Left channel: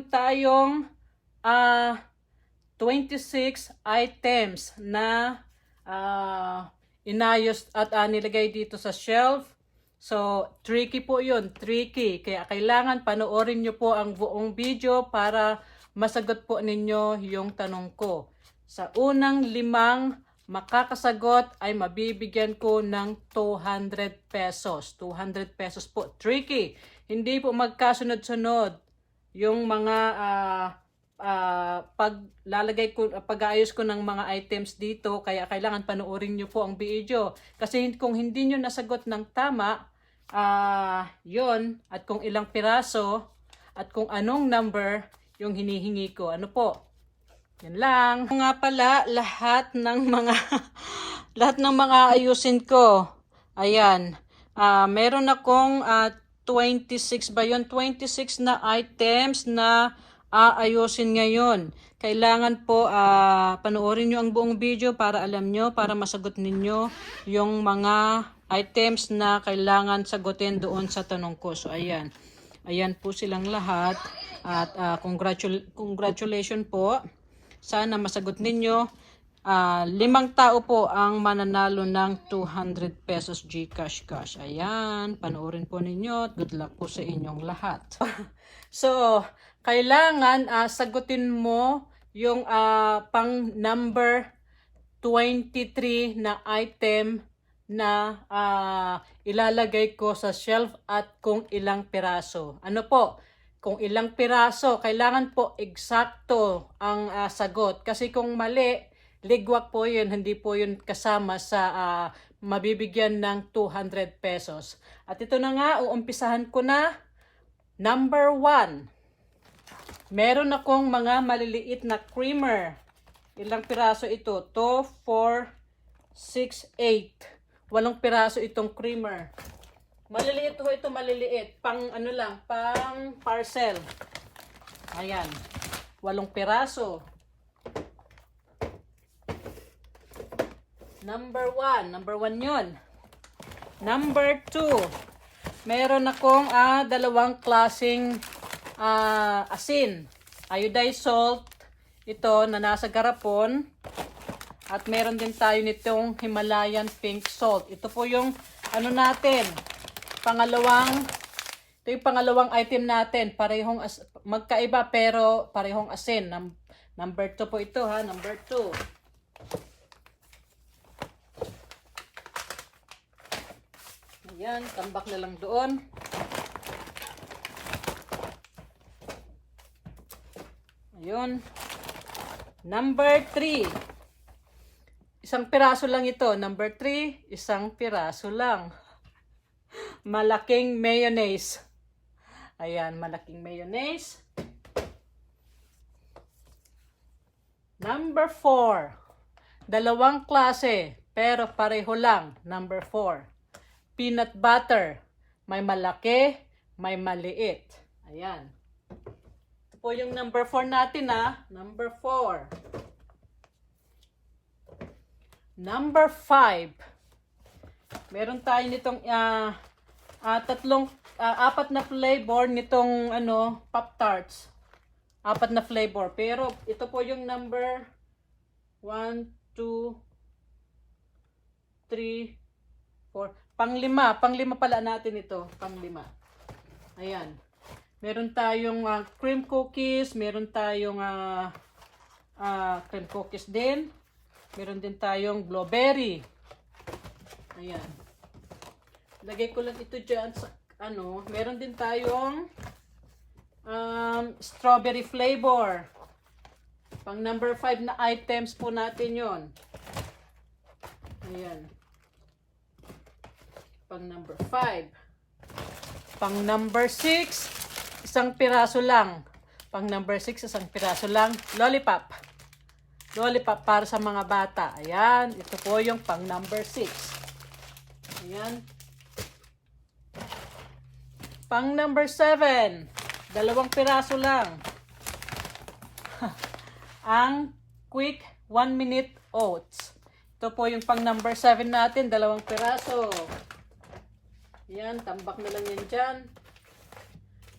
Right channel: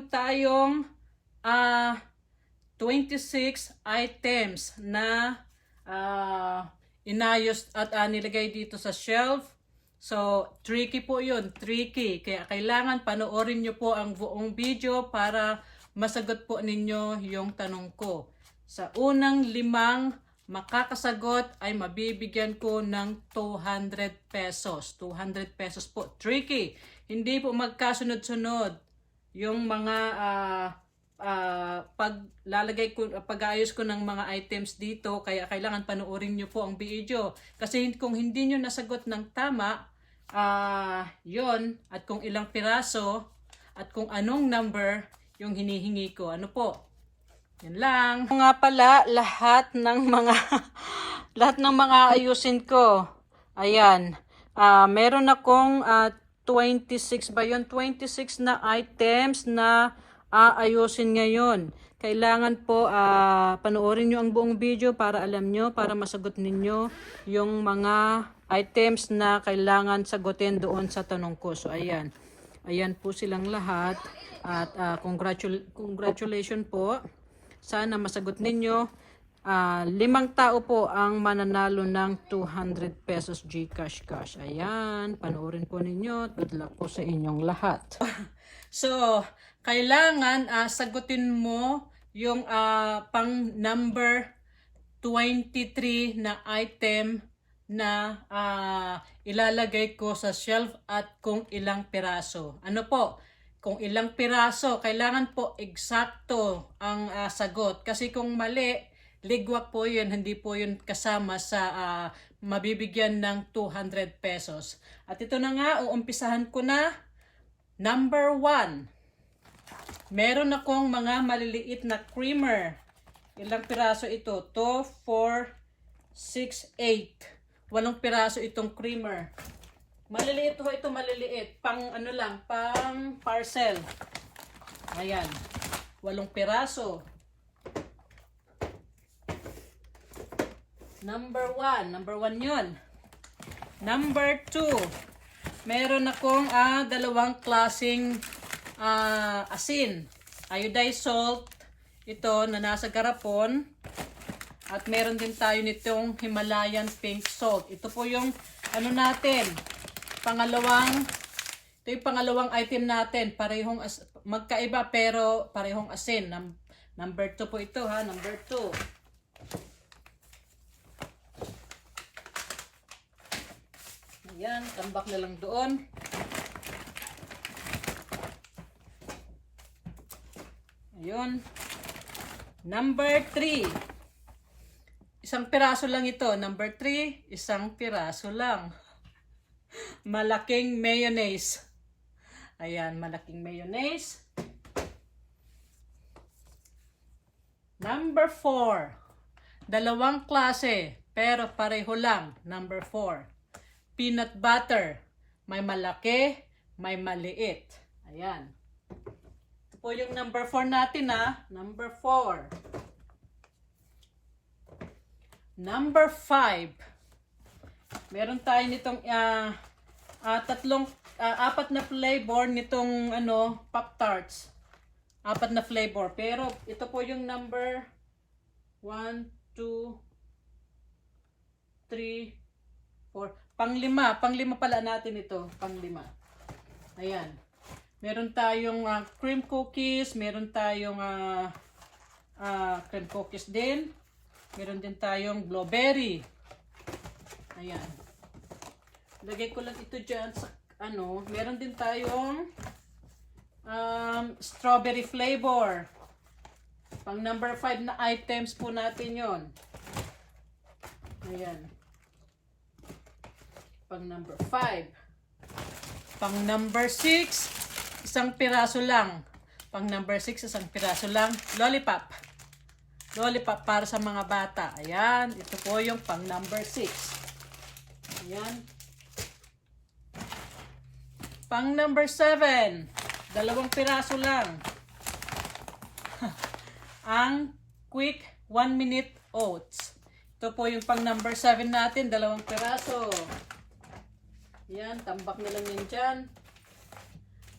Tayong 26 items na inayos at nilagay dito sa shelf. So, tricky po yun. Tricky. Kaya kailangan panoorin nyo po ang buong video para masagot po ninyo yung tanong ko. Sa unang 5 makakasagot ay mabibigyan ko ng 200 pesos. 200 pesos po. Tricky. Hindi po magkasunod-sunod yung mga pag-aayos ko ng mga items dito, kaya kailangan panoorin nyo po ang video. Kasi kung hindi nyo nasagot ng tama, yon at kung ilang piraso, at kung anong number yung hinihingi ko. Ano po? Yan lang. Nga pala, lahat ng mga ayusin ko. Ayan. Meron akong 26 ba yun? 26 na items na aayusin ngayon. Kailangan po panoorin nyo ang buong video para alam nyo, para masagot ninyo yung mga items na kailangan sagutin doon sa tanong ko. So ayan. Ayan po silang lahat. At congratulations po. Sana masagot ninyo. 5 tao po ang mananalo ng 200 pesos GCash cash. Ayan, panoorin po ninyo. Good luck po sa inyong lahat. So, kailangan sagutin mo yung pang number 23 na item na ilalagay ko sa shelf at kung ilang piraso. Ano po? Kung ilang piraso, kailangan po eksakto ang sagot. Kasi kung mali, ligwak po yun, hindi po yun kasama sa mabibigyan ng 200 pesos. At ito na nga, uumpisahan ko na. Number 1. Meron akong mga maliliit na creamer. Ilang piraso ito? 2, 4, 6, 8. 8 piraso itong creamer. Maliliit ho ito, maliliit. Pang ano lang, pang parcel. Ayan. 8 piraso. Number 1 yun. Number 2. Meron akong dalawang klaseng asin. Iodized salt. Ito na nasa garapon. At meron din tayo nitong Himalayan pink salt. Ito po yung ano natin. Ito yung pangalawang item natin. Parehong magkaiba pero parehong asin. Number 2 po ito ha. Number 2. Ayan, tambak na lang doon. Ayun. Number 3. Isang piraso lang ito. Number 3, isang piraso lang. Malaking mayonnaise. Ayan, malaking mayonnaise. Number 4. Dalawang klase, pero pareho lang. Number 4. Peanut butter. May malaki, may maliit. Ayan. Ito po yung number 4 natin ha. Number 4. Number 5. Meron tayo nitong 4 na flavor nitong Pop-Tarts. 4 na flavor. Pero ito po yung number 1, 2, 3, 4. Pang-5 pala natin ito. Pang-5. Ayan. Meron tayong cream cookies. Meron tayong cream cookies din. Meron din tayong blueberry. Ayan. Lagay ko lang ito dyan sa Meron din tayong strawberry flavor. Pang number 5 na items po natin yon. Ayan. Pang number 5. Pang number 6, isang piraso lang. Pang number 6, isang piraso lang. Lollipop. Lollipop para sa mga bata. Ayan. Ito po yung pang number 6. Ayan. Pang number 7, 2 piraso lang. Ang quick 1 minute oats. Ito po yung pang number 7 natin. 2 piraso. Yan, tambak na lang yan dyan.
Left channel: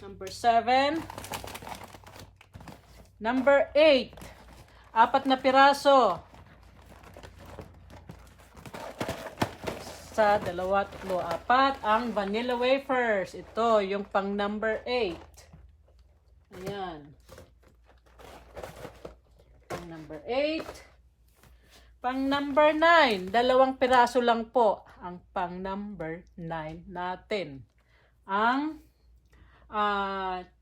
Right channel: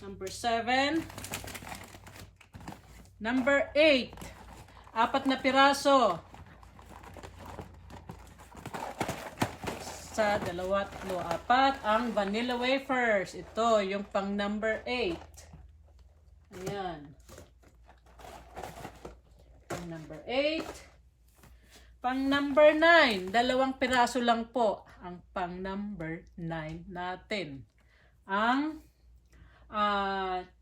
Number 7. Number 8. 4 na piraso. Sa 2, 3, 4 ang vanilla wafers. Ito yung pang number 8. Ayan. Pang number 8. Pang number 9. 2 piraso lang po ang pang number 9 natin. Ang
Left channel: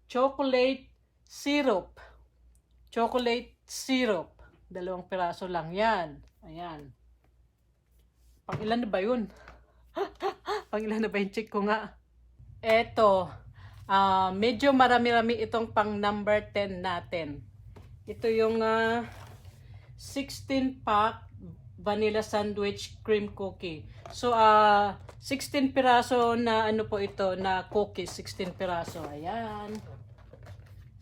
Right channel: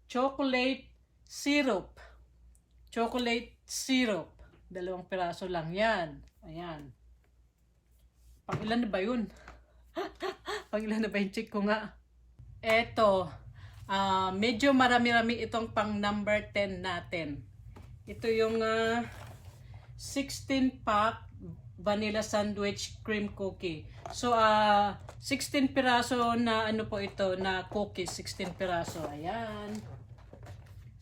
chocolate syrup. Chocolate syrup. 2 piraso lang yan. Ayan. Pang ilan na ba yun? Pang ilan na ba yung check ko nga? Eto. Medyo marami-rami itong pang number 10 natin. Ito yung 16 pack vanilla sandwich cream cookie. So, 16 piraso na ano po ito, na cookies. 16 piraso. Ayan.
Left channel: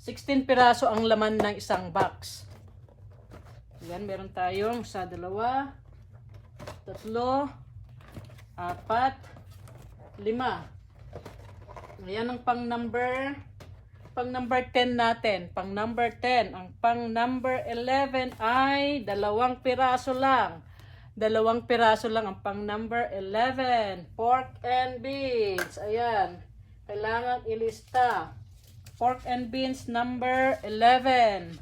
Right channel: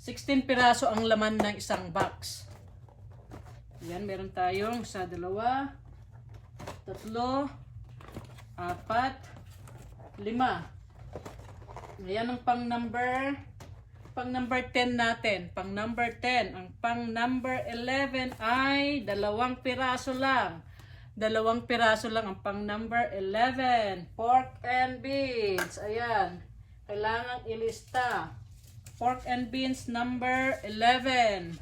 16 piraso ang laman ng isang box. Ayan, meron tayong 1, 2, 3, 4, 5. Ayan ang pang number 10 natin. Pang number 10. Ang pang number 11 ay 2 piraso lang. 2 piraso lang ang pang number 11. Pork and beans. Ayan. Kailangan ilista. Pork and beans number 11.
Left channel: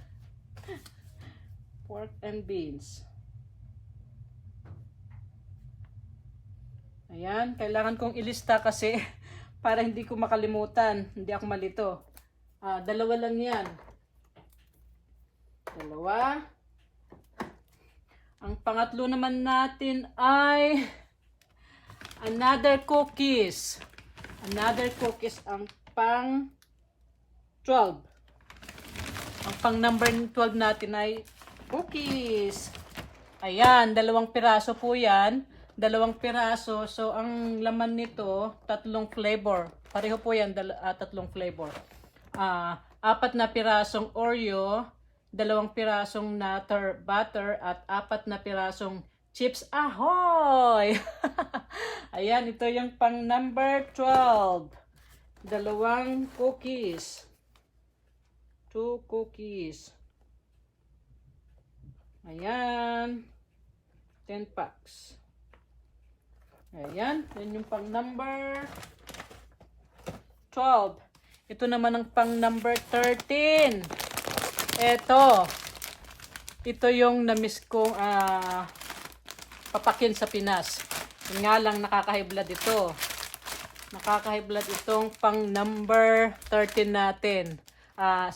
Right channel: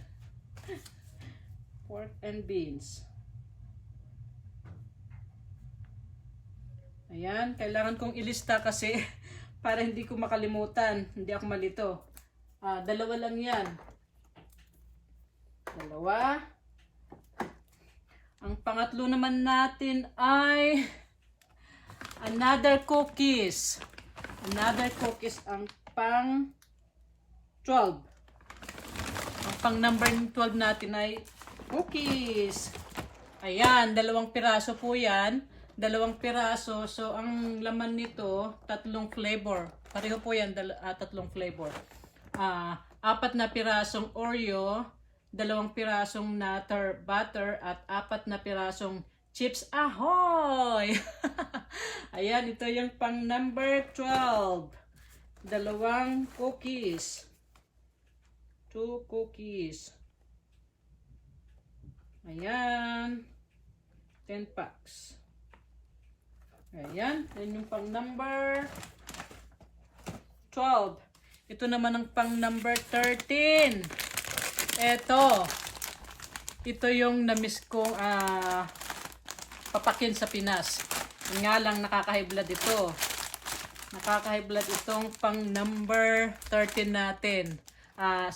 Pork and beans. Ayan, kailangan kong ilista kasi para hindi ko makalimutan, hindi ako malito. 2 lang yan. 2. Ang pangatlo naman natin ay another cookies. Another cookies ang pang 12. Ang pang number 12 natin ay cookies. Ayan, 2 piraso po yan. 2 piraso. So, ang laman nito, 3 flavor. Pareho po yan, 3 flavor. 4 na pirasong Oreo, 2 pirasong Nutter Butter, at 4 na pirasong Chips Ahoy! Ayan, ito yung pang number 12. 2 cookies. 2 cookies. Ayan. 10 packs. Ayan, yun yung pang number 12. Ito naman ang pang number 13. Ito yung na-miss kong papakin sa Pinas. Yun nga lang, nakaka-high blood ito. Nakaka-high blood itong pang number 13 natin.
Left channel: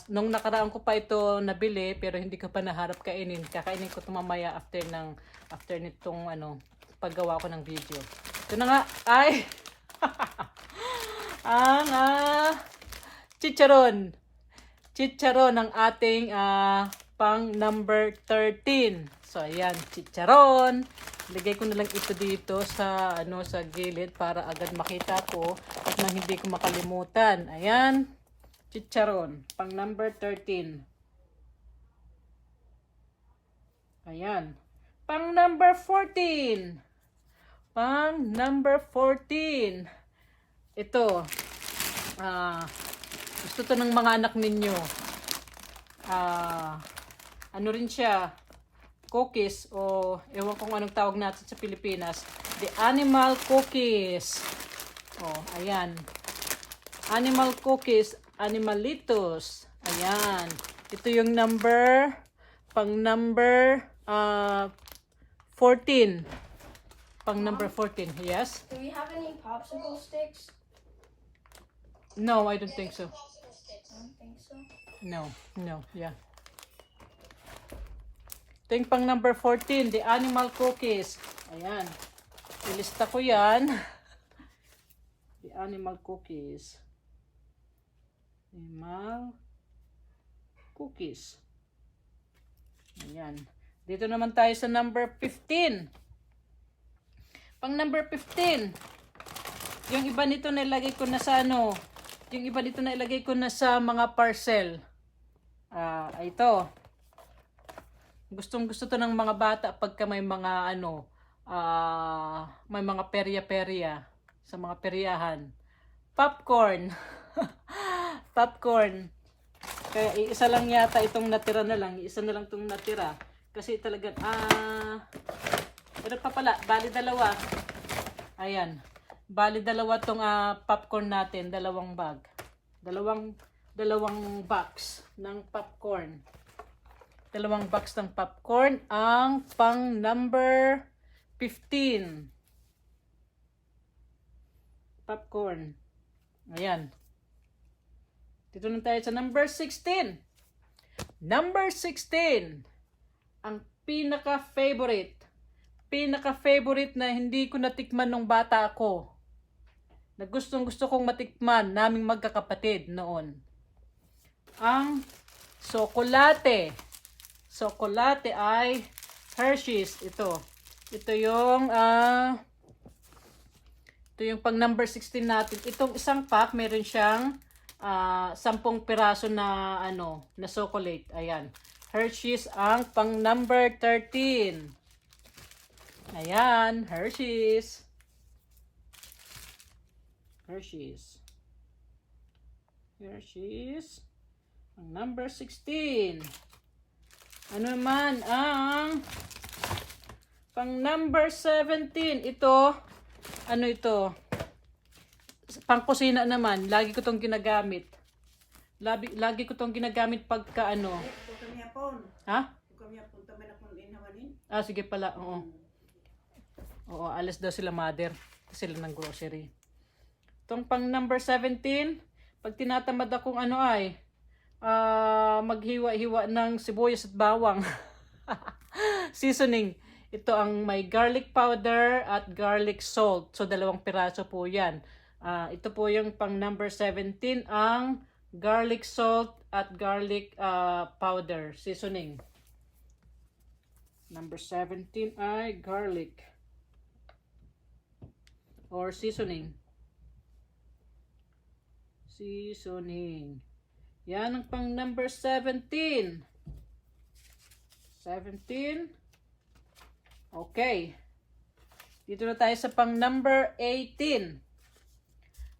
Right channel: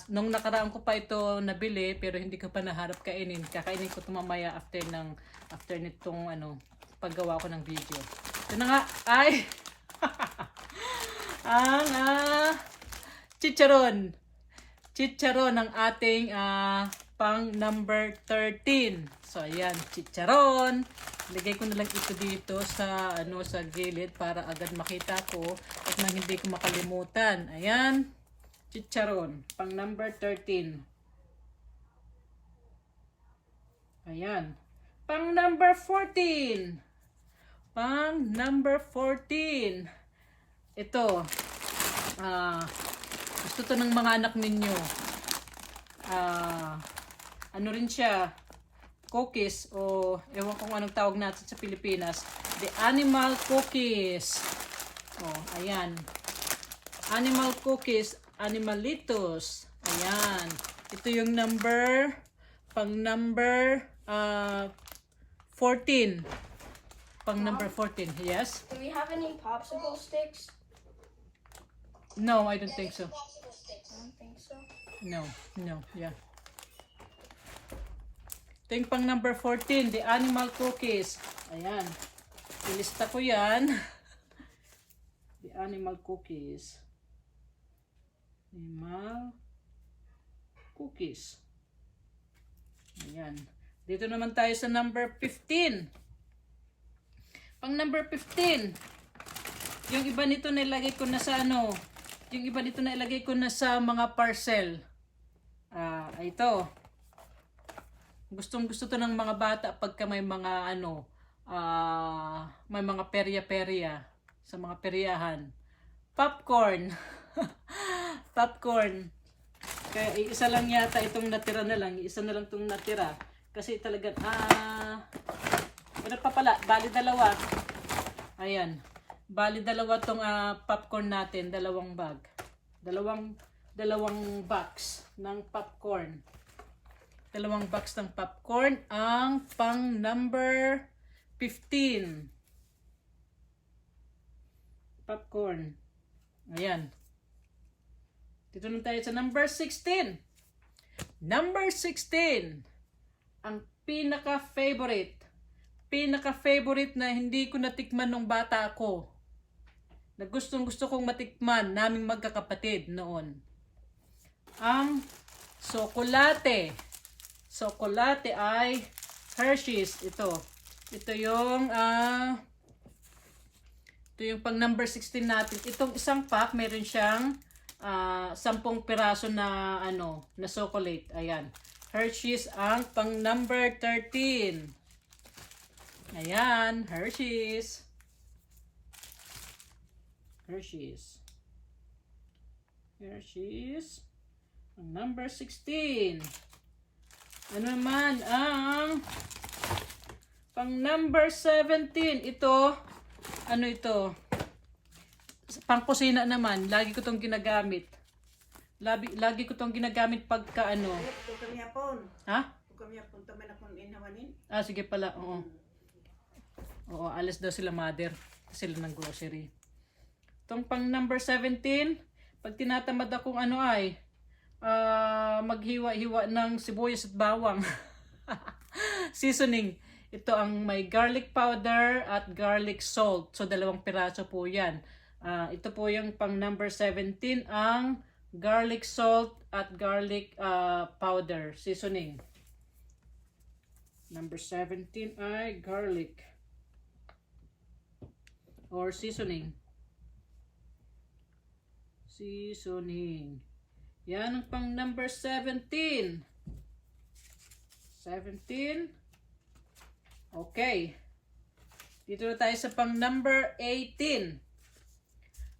Nung nakaraan ko pa ito nabili, pero hindi ko pa naharap kainin. Kakainin ko ito mamaya after nitong paggawa ko ng video. Ito na nga, ay ang chicharon. Chicharon ang ating pang number 13. So ayan, chicharon. Lagay ko na lang ito dito sa sa gilid para agad makita ko at nang hindi ko makalimutan. Ayan, chicharon, pang number 13. Ayan, pang number 14. Pang number 14. Ito. Gusto to ng mga anak ninyo. Ano rin siya? Cookies o ewan kung anong tawag natin sa Pilipinas. The animal cookies. Oh, ayan. Animal cookies. Animalitos. Ayan. Ito yung pang number 14. Pang number 14, yes? Do we have any popsicle sticks? No, I don't think so. I don't think so. No, yeah. Ito yung pang number 14, the animal cookies. Ayan. Ilista ko yan. The animal cookies. Animal cookies. Ayan. Dito naman tayo sa number 15. Pang number 15. Yung iba nito nilagay ko na sa yung iba dito na ilagay ko na sa mga parcel. Ito. Gustong-gusto to ng mga bata pagka may mga may mga perya-perya sa mga peryahan. Popcorn. Popcorn. Kaya isa lang yata itong natira na lang. Isa na lang itong natira. Kasi talagang, pero pa pala, bali dalawa. Ayan. Bali dalawa itong popcorn natin. Dalawang bag. Dalawang box ng popcorn. Dalawang box ng popcorn. Ang pang number 15. Popcorn. Ayan. Dito na tayo sa number 16. Number 16. Ang pinaka-favorite. Pinaka-favorite na hindi ko natikman nung bata ako. Na gustong gusto kong matikman naming magkakapatid noon. Ang sokolate. Sokolate ay Hershey's. Ito. Ito yung pang number 16 natin. Itong isang pack, meron siyang 10 piraso na na chocolate. Ayan. Hershey's ang pang number 13. Ayan, Hershey's. Hershey's. Hershey's. Ang number 16. Ano naman ang pang number 17? Ito, ano ito? Pang kusina naman. Lagi ko tong ginagamit. Lagi ko tong ginagamit pagka Ha? Sige pala. Oo. Oo, alas daw sila mother. Sila ng grocery. Itong pang number 17, pag tinatamad akong maghiwa-hiwa ng sibuyas at bawang. Seasoning. Ito ang may garlic powder at garlic salt. So, 2 piraso po yan. Ito po yung pang number 17, ang garlic salt at garlic powder seasoning. Number 17 ay garlic or seasoning. Seasoning. Yan ang pang number 17. 17. Okay. Dito na tayo sa pang number 18.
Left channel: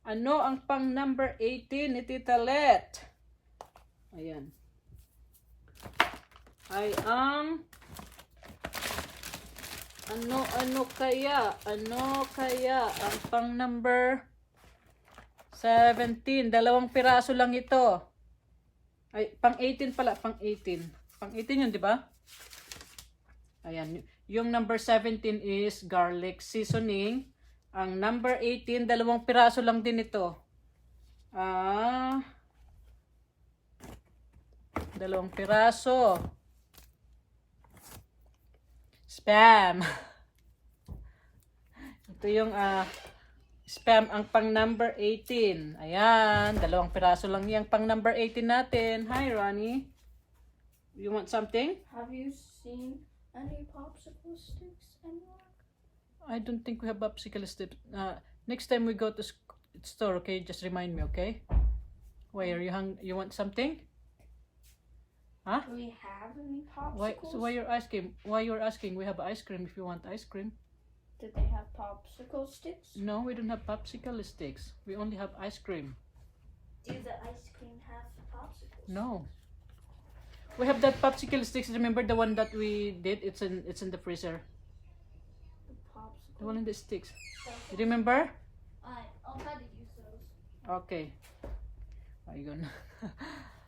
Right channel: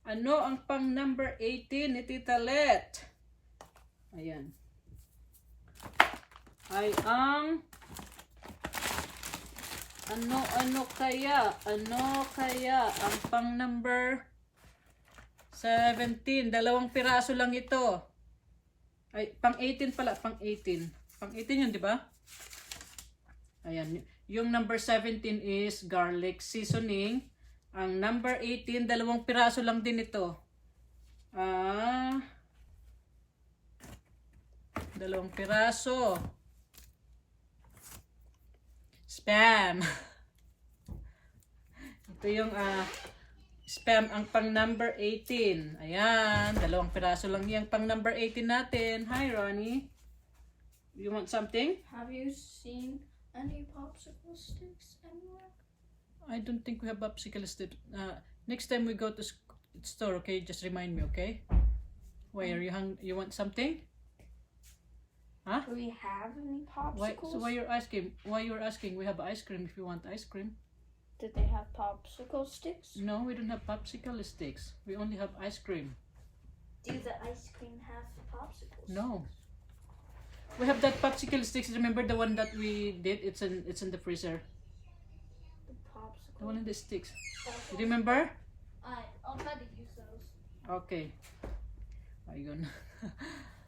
Ano ang pang number 18 ni Tita Let? Ayan. Ay ang ano kaya ang pang number 17? 2 piraso lang ito. Ay, pang 18 pala, pang 18. Pang 18 yun, di ba? Ayan. Yung number 17 is garlic seasoning. Ang number 18, 2 piraso lang din ito. 2 piraso. Spam. Ito yung spam ang pang number 18. Ayan, 2 piraso lang yung pang number 18 natin. Hi, Ronnie. You want something? Have you seen any popsicle sticks anywhere? I don't think we have popsicle sticks. Next time we go to store, okay? Just remind me, okay? Why are you you want something? Huh? Do we have any Why? popsicles? So why you're asking? Why you're asking? We have ice cream if you want ice cream. Did they have popsicle sticks? No, we don't have popsicle sticks. We only have ice cream. Do the ice cream have popsicles? No. We have that popsicle sticks. Remember the one that we did? It's in the freezer. The popsicle. The one in the sticks. Remember? I'll try to use those. Okay. Ayun.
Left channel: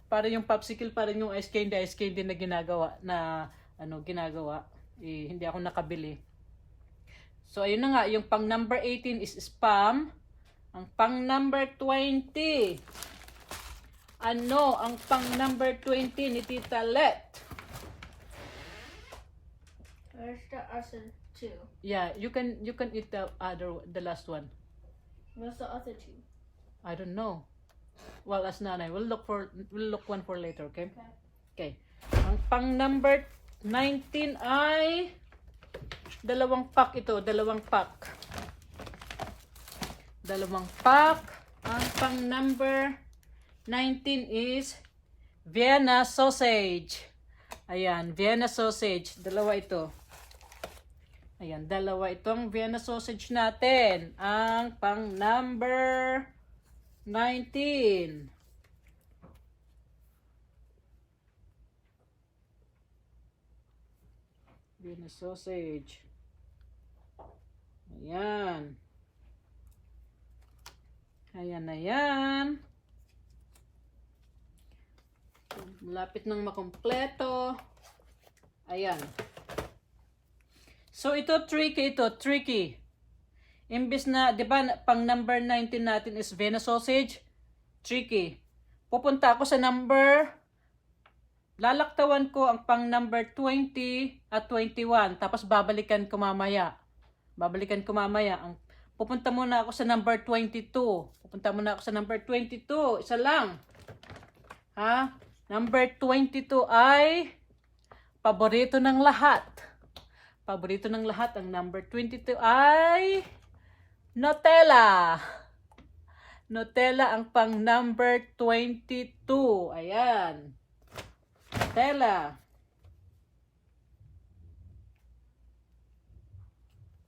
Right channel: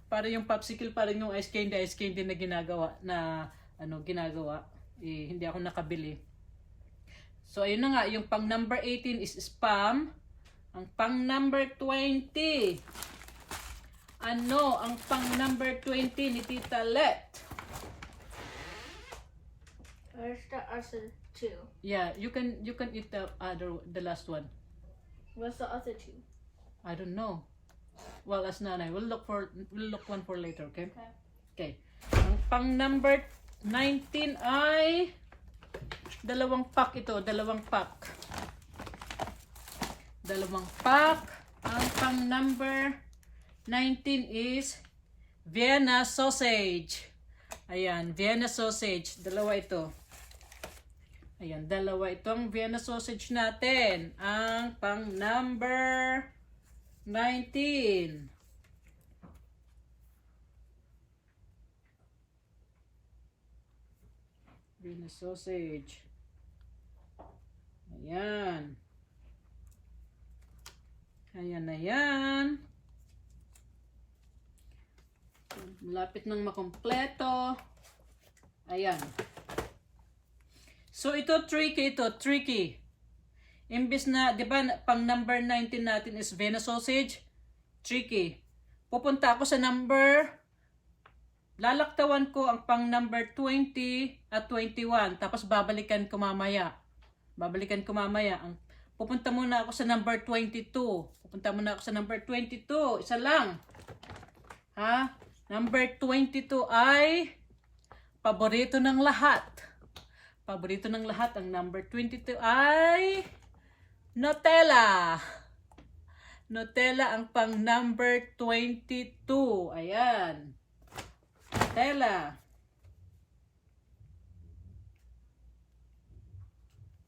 Para yung popsicle, parang yung ice cream din na ginagawa hindi ako nakabili. So ayun na nga, yung pang number 18 is spam. Ang pang number 20. Ano ang pang number 20 ni Tita Let? Where's the other two? Yeah, you can eat the last one. Where's the other two? I don't know. Well, as nanay, we'll look one for later, okay? Okay. Ang pang number 19 ay 2 pack ito, 2 pack. 2 pack. Ang pang number 19 is Vienna sausage. Ayan, Vienna sausage. 2 ito. Ayan, 2 itong Vienna sausage natin. Ang pang number 19. Venus sausage. Ayan. Ayan na yan. Malapit nang makompleto. Ayan. So, ito tricky. Imbis na, di ba, pang number 19 natin is Venus sausage. Tricky. Pupunta ako sa number, lalaktawan ko ang pang number 20 at 21. Tapos babalikan ko mamaya. Pupunta muna ako sa number 22. Isa lang. Ha? Number 22 ay paborito ng lahat. Ang number 22 ay Nutella. Nutella ang pang number 22. Ayan. Nutella.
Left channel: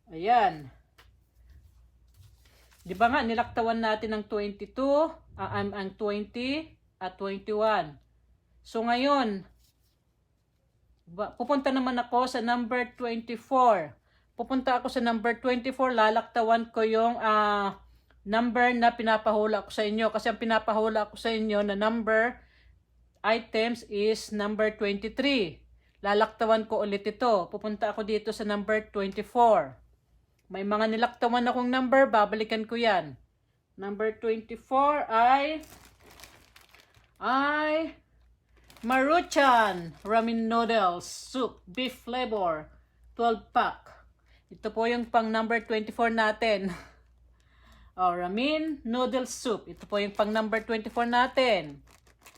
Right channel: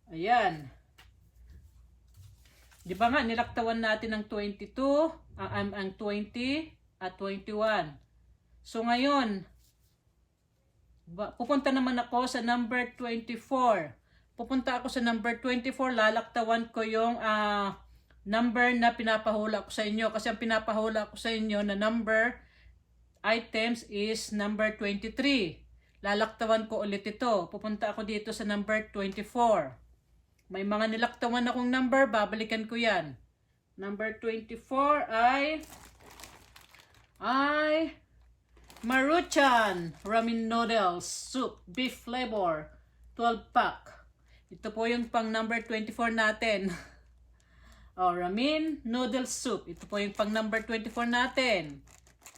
Ayan. Di ba nga, nilaktawan natin ang 22, ang 20 at 21. So ngayon, pupunta naman ako sa number 24. Lalaktawan ko yung number na pinapahula ko sa inyo. Kasi ang pinapahula ko sa inyo na number items is number 23. Lalaktawan ko ulit ito. Pupunta ako dito sa number 24. May mga nilaktawan akong number, babalikan ko yan. Number 24 ay Maruchan Ramen Noodles Soup Beef Flavor 12 pack. Ito po yung pang number 24 natin. Ramen Noodles Soup. Ito po yung pang number 24 natin.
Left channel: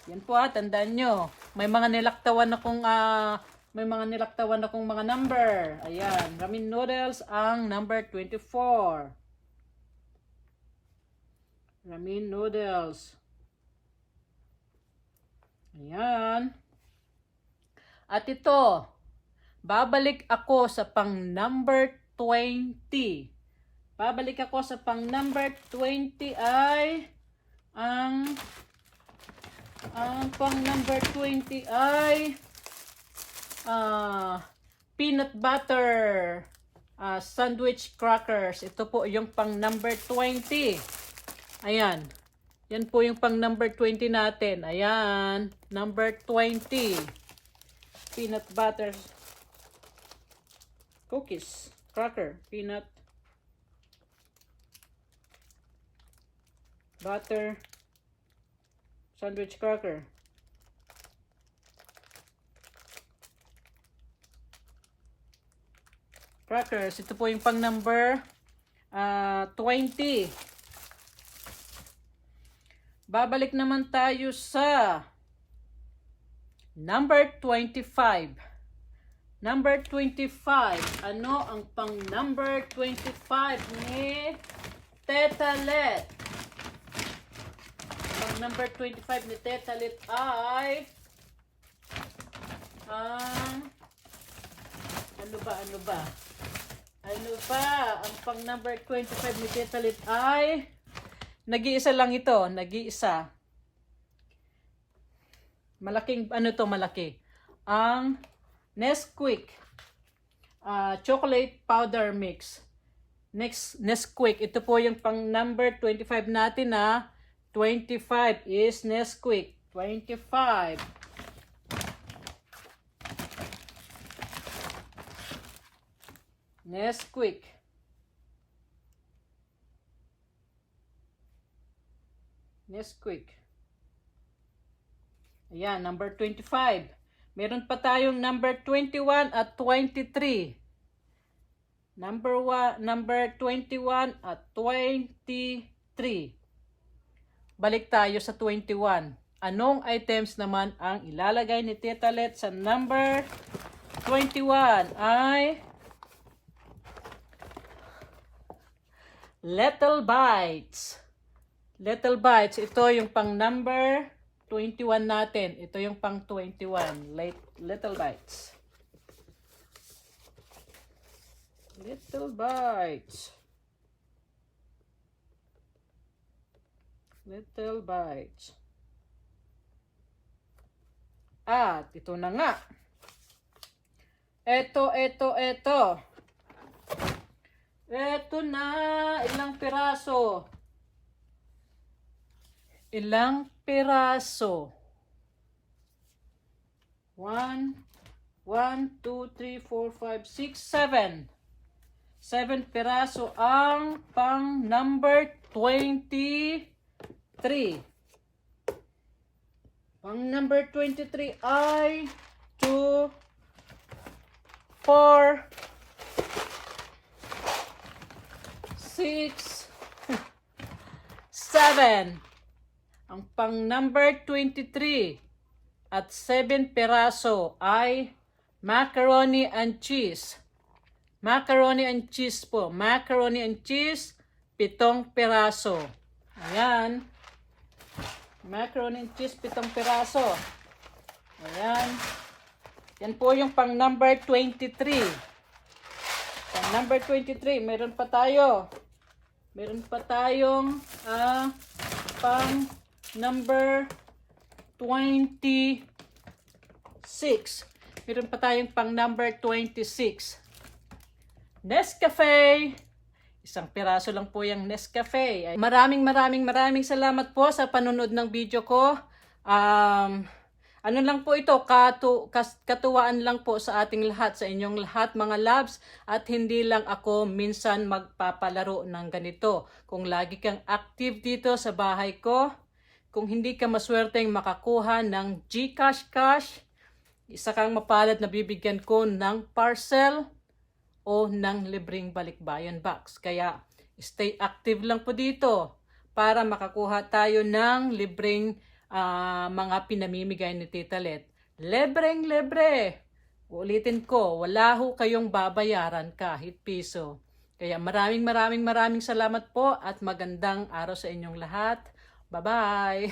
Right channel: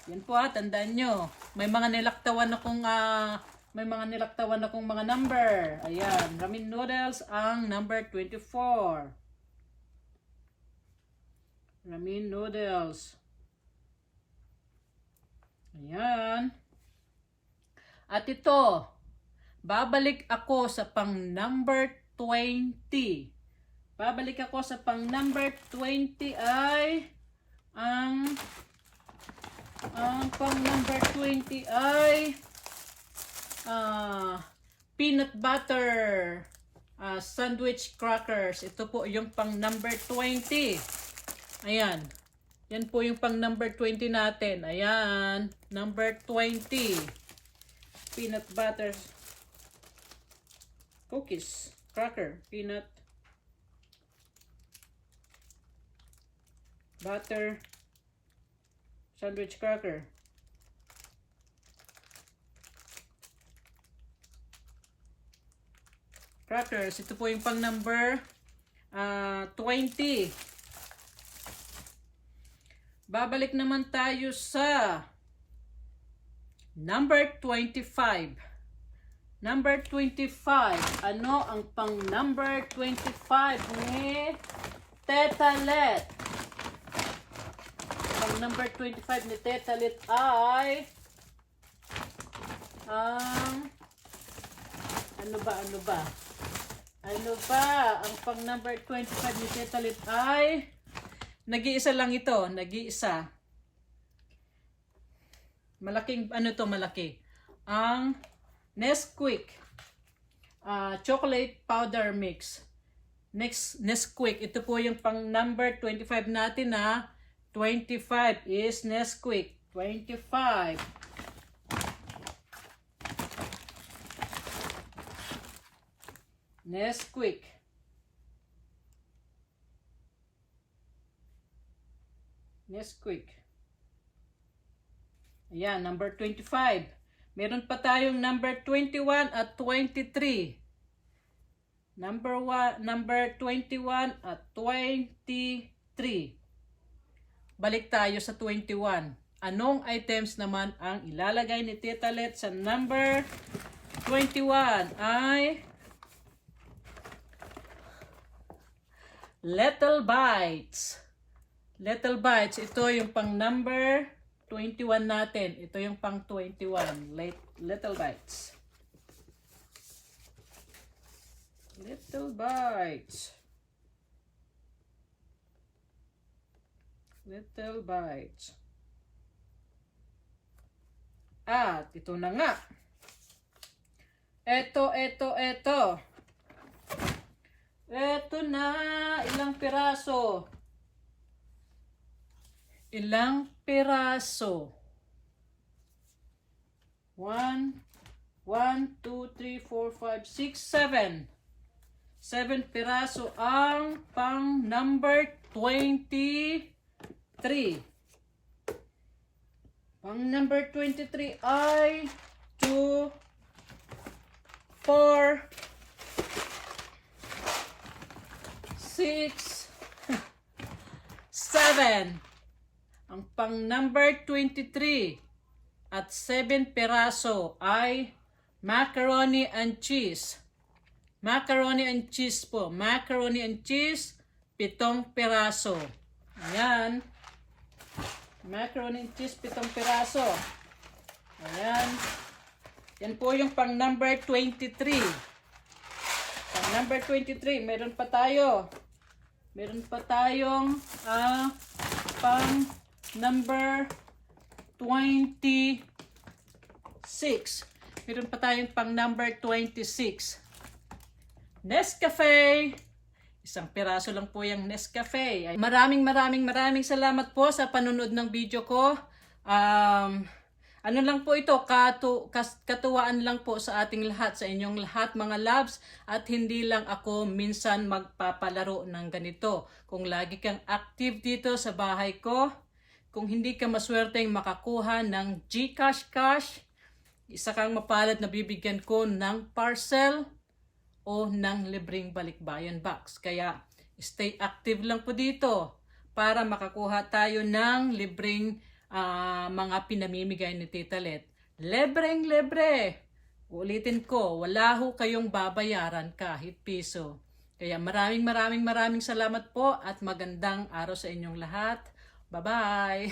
Yan po tandaan nyo. May mga nilaktawan akong mga number. Ayan, ramen noodles ang number 24. Ramen noodles. Ayan. At ito, babalik ako sa pang number 20. Ay ang pang number 20 ay peanut butter sandwich crackers. Ito po yung pang number 20. Ayan. Yan po yung pang number 20 natin. Ayan. Number 20. Peanut butter cookies. Cracker. Peanut butter sandwich cracker. Crackers. Ito po yung pang number 20. Babalik naman tayo sa number 25. Number 25. Ano ang pang number 25 ni Teta Let? Pang number 25 ni Teta Let ay ang ano ba? Ang pang number 25 ni Teta Let ay nag-iisa lang ito. Nag-iisa. Malaking, malaki. Ang Nesquik chocolate powder mix. Nesquik. Ito po yung pang number 25 natin 25 is Nesquik. 25. Nesquik. Ayan, number 25. Meron pa tayong number 21 at 23. Number 21 at 23. Balik tayo sa 21. Anong items naman ang ilalagay ni Teta Let sa number 21? Ay Little Bites. Little Bites. Ito yung pang number 21 natin. Ito yung pang 21. Little Bites. Little Bites. Little Bites. At ito na nga. Eto. Eto na, ilang piraso? Ilang piraso? 1, 2, 3, 4, 5, 6, 7. 7 piraso ang pang number 23. Pang number 23 ay 2, 4, 6, 7. Ang pang number 23 at 7 peraso ay macaroni and cheese. Macaroni and cheese po. Macaroni and cheese, 7 peraso. Ayan. Macaroni and cheese, 7 peraso. Ayan. Yan po yung pang number 23. Pang number 23, meron pa tayo. Meron pa tayong pang number 26. Meron pa tayong pang number 26. Nescafe. Isang piraso lang po yung Nescafe. Maraming salamat po sa panunod ng video ko. Ano lang po ito, katuwaan lang po sa ating lahat, sa inyong lahat mga loves, at hindi lang ako minsan magpapalaro ng ganito. Kung lagi kang active dito sa bahay ko, kung hindi ka maswerteng makakuha ng GCash cash, isa kang mapalad na bibigyan ko ng parcel o ng libreng balikbayan box. Kaya stay active lang po dito para makakuha tayo ng libreng mga pinamimigay ni Tita Let. Libreng-libre. Ulitin ko, wala ho kayong babayaran kahit piso. Kaya maraming salamat po at magandang araw sa inyong lahat. Bye-bye!